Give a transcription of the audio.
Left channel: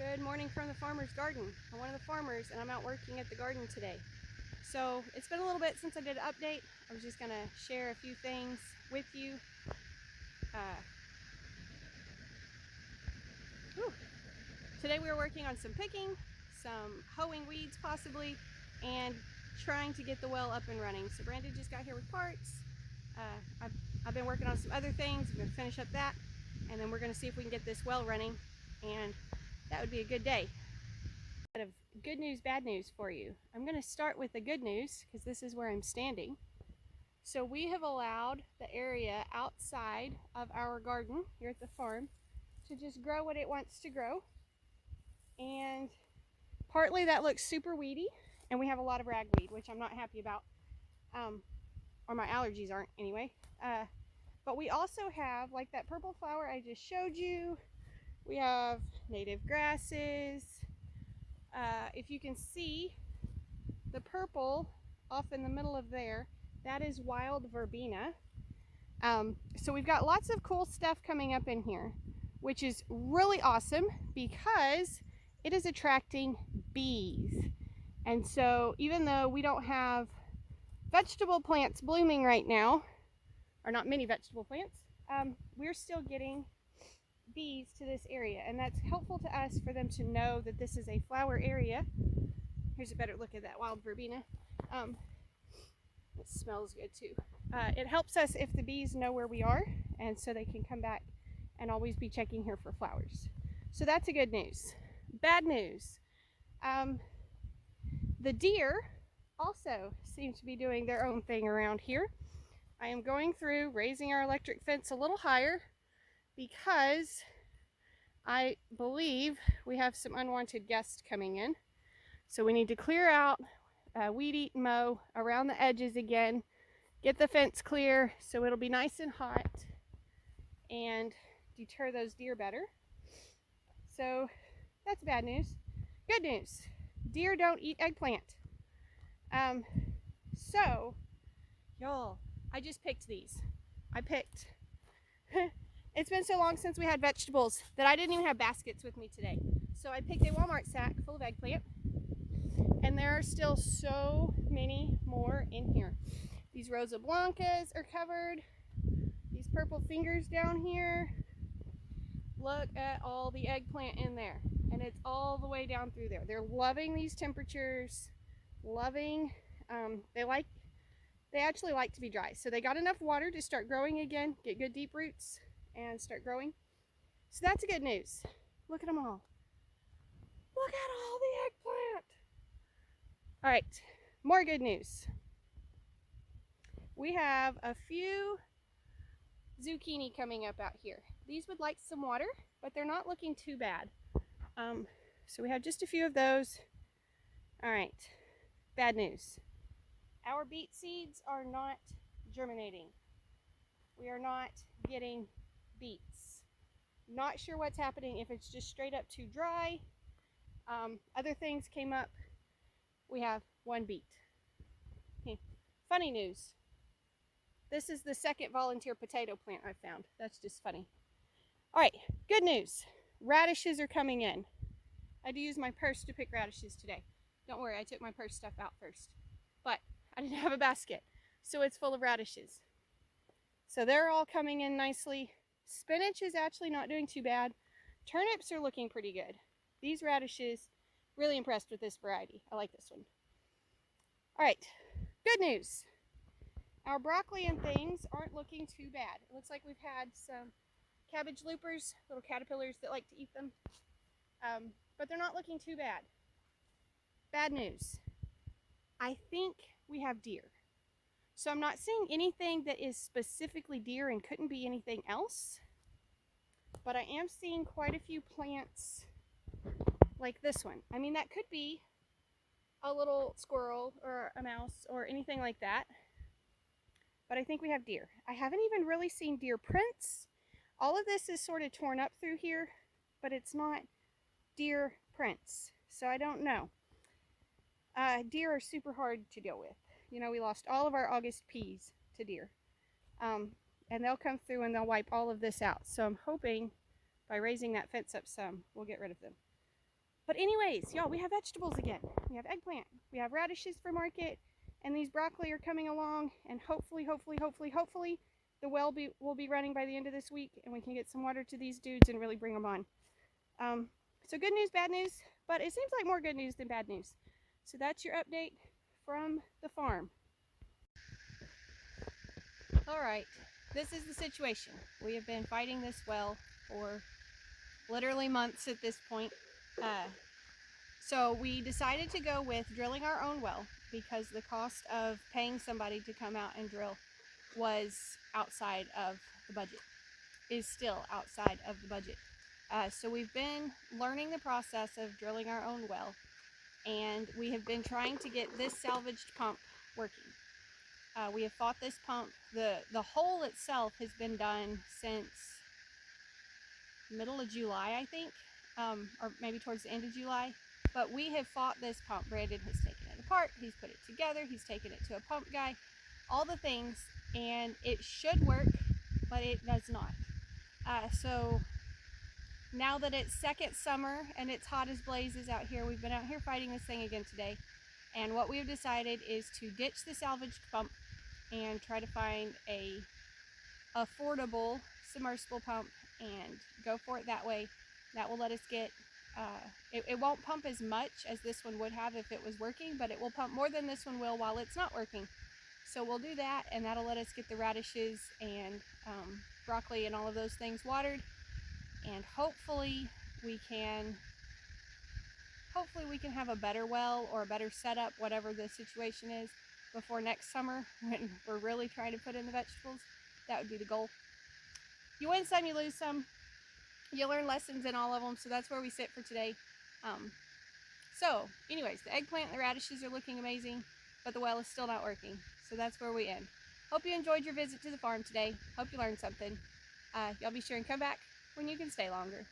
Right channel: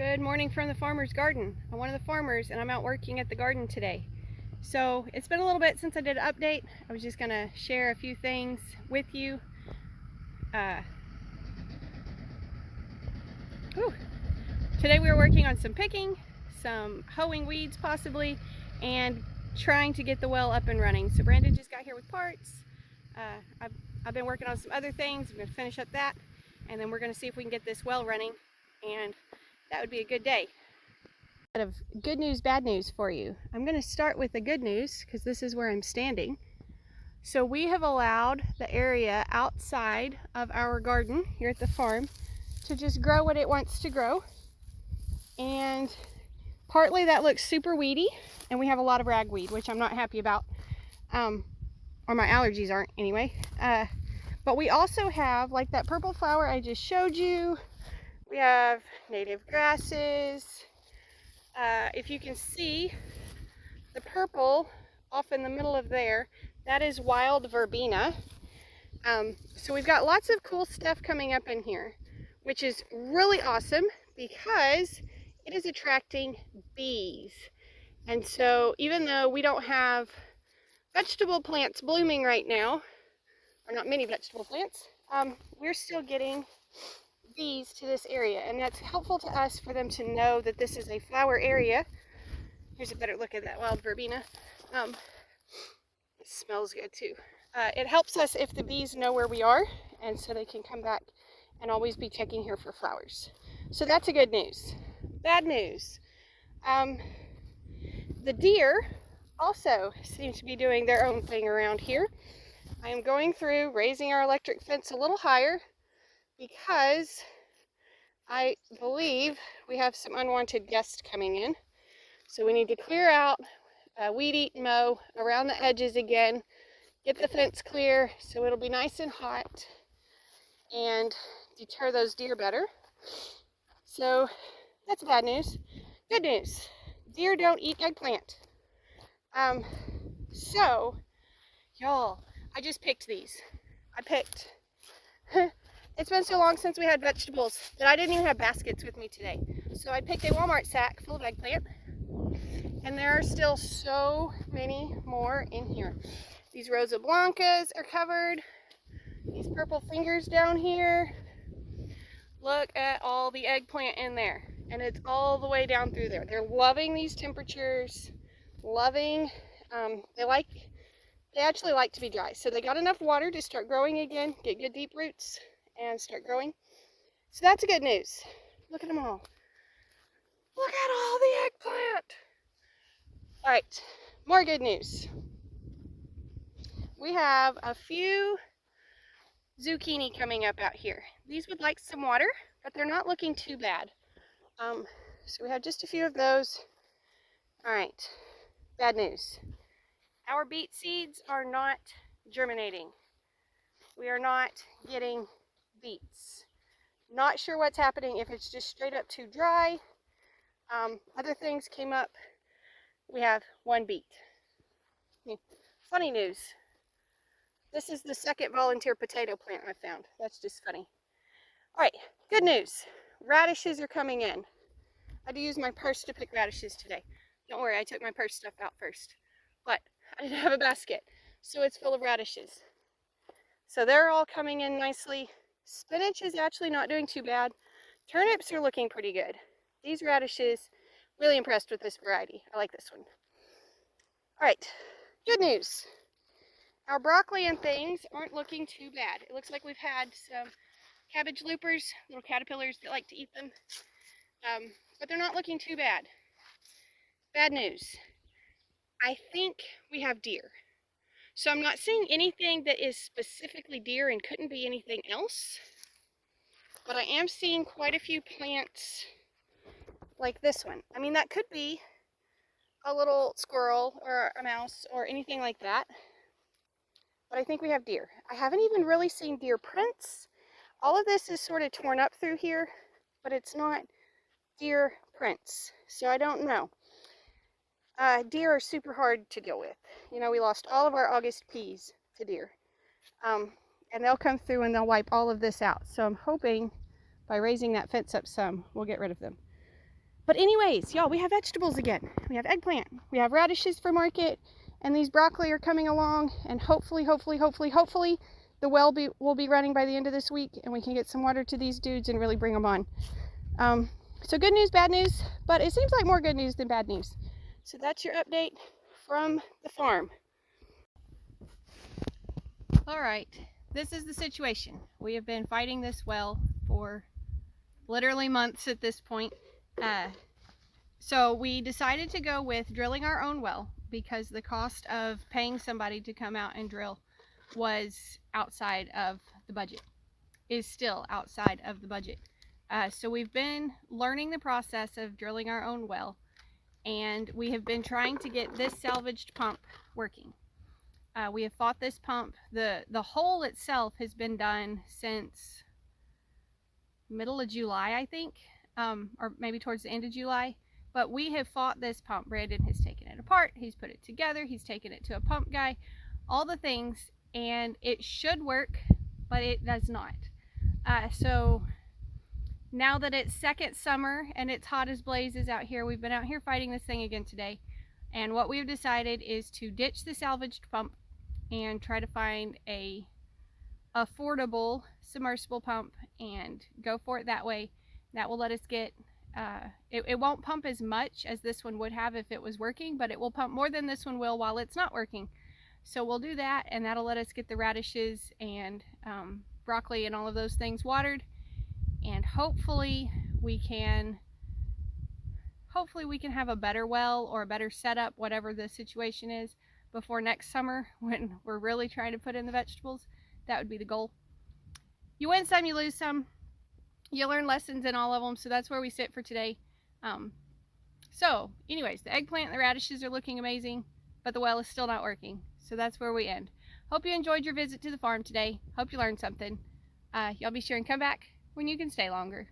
Good morning from the farmer's garden. I'm one of the farmers and I'm out working at the garden today. So it's been a little bit since I did an update. I was just going to share a few things with you. Today we were working on some picking, some hoeing weeds possibly, and trying to get the well up and running. So Brandon just got here with parts. I've been working on some other things. I'm going to finish up that, and then we're going to see if we can get this well running, and that would be a good day. Of good news, bad news for you. I'm going to start with the good news because this is where I'm standing. So we have allowed the area outside of our garden here at the farm to just grow what it wants to grow. And partly that looks super weedy, and we have a lot of ragweed, which I'm not happy about, or my allergies aren't anyway. But we also have, like that purple flower I just showed you, we have native grasses. If you can see the purple off in the middle of there, that is wild verbena. So we've got lots of cool stuff coming up in here, which is really awesome because it is attracting bees. And so even though we don't have vegetable plants blooming right now, or not many vegetable plants, we're still getting bees to this area, and that's helpful to us for them to know that this is a flower area. Here's a better look at that wild verbena. It smells good too. It helps us if the bees know where we are, and so they can come back and always be checking here for flowers. So that's a good news. Bad news. The deer also seem to be doing their own thing around here. I am going through raising our electric fence a little higher because I believe we have some unwanted guests coming in. So we need to clear out, weed eat and mow around the edges again, get the fence clear so it'll be nice and hot and deter those deer better. So that's bad news. Good news, deer don't eat eggplant. So y'all, I just picked these. It's been so long since we had vegetables that I didn't even have baskets with me today. So I picked a Walmart sack full of eggplant, and there are still so many more in here. These Rosa Blancas are covered. These purple fingers down here. Look at all the eggplant in there, and it's all the way down through there. They're loving these temperatures, they actually like to be dry. So they got enough water to start growing again, get good deep roots, and start growing. So that's good news. Look at them all. Look at all the eggplant. All right, more good news. We have a few zucchini coming up out here. These would like some water, but they're not looking too bad. So we have just a few of those. All right, bad news. Our beet seeds are not germinating. We are not getting beets. Not sure what's happening, if it's just straight up too dry. Other things came up. We have one beet. Funny news. This is the second volunteer potato plant I found. That's just funny. All right, good news. Radishes are coming in. I had to use my purse to pick radishes today. Don't worry, I took my purse stuff out first. But I didn't have a basket, so it's full of radishes. So they're all coming in nicely. Spinach is actually not doing too bad. Turnips are looking pretty good. These radishes, really impressed with this variety. I like this one. All right, good news. Our broccoli and things aren't looking too bad. It looks like we've had some cabbage loopers, little caterpillars that like to eat them. But they're not looking too bad. Bad news. I think we have deer. So I'm not seeing anything that is specifically deer and couldn't be anything else. But I am seeing quite a few plants like this one. I mean, that could be a little squirrel or a mouse or anything like that. But I think we have deer. I haven't even really seen deer prints. All of this is sort of torn up through here, but it's not deer prints. So I don't know. Deer are super hard to deal with. You know, we lost all of our August peas to deer. And they'll come through and they'll wipe all of this out. So I'm hoping by raising that fence up some, we'll get rid of them. But anyways, y'all, we have vegetables again. We have eggplant, we have radishes for market, and these broccoli are coming along, and hopefully the well will be running by the end of this week, and we can get some water to these dudes and really bring them on. So good news, bad news, but it seems like more good news than bad news. So that's your update from the farm. All right, this is the situation. We have been fighting this well for literally months at this point. So we decided to go with drilling our own well because the cost of paying somebody to come out and drill was outside of the budget, is still outside of the budget. So we've been learning the process of drilling our own well, and we have been trying to get this salvaged pump working. We have fought this pump. The hole itself has been done since middle of July, I think, or maybe towards the end of July. But we have fought this pump. Brandon has taken it apart, he's put it together, he's taken it to a pump guy, all the things, and it should work, but it does not. So now that it's second summer and it's hot as blazes out here, we've been out here fighting this thing again today. And what we've decided is to ditch the salvaged pump and try to find a affordable submersible pump and go for it that way. That will let us get, it won't pump as much as this one would have if it was working, but it will pump more than this one will while it's not working. So we'll do that, and that'll let us get the radishes and broccoli and all of those things watered, and hopefully we can have a better well or a better setup, whatever the situation is, before next summer when we're really trying to put in the vegetables. That would be the goal. You win some, you lose some. You learn lessons in all of them, so that's where we sit for today. So anyways, the eggplant and the radishes are looking amazing, but the well is still not working. So that's where we end. Hope you enjoyed your visit to the farm today. Hope you learned something. Y'all be sure and come back when you can stay longer.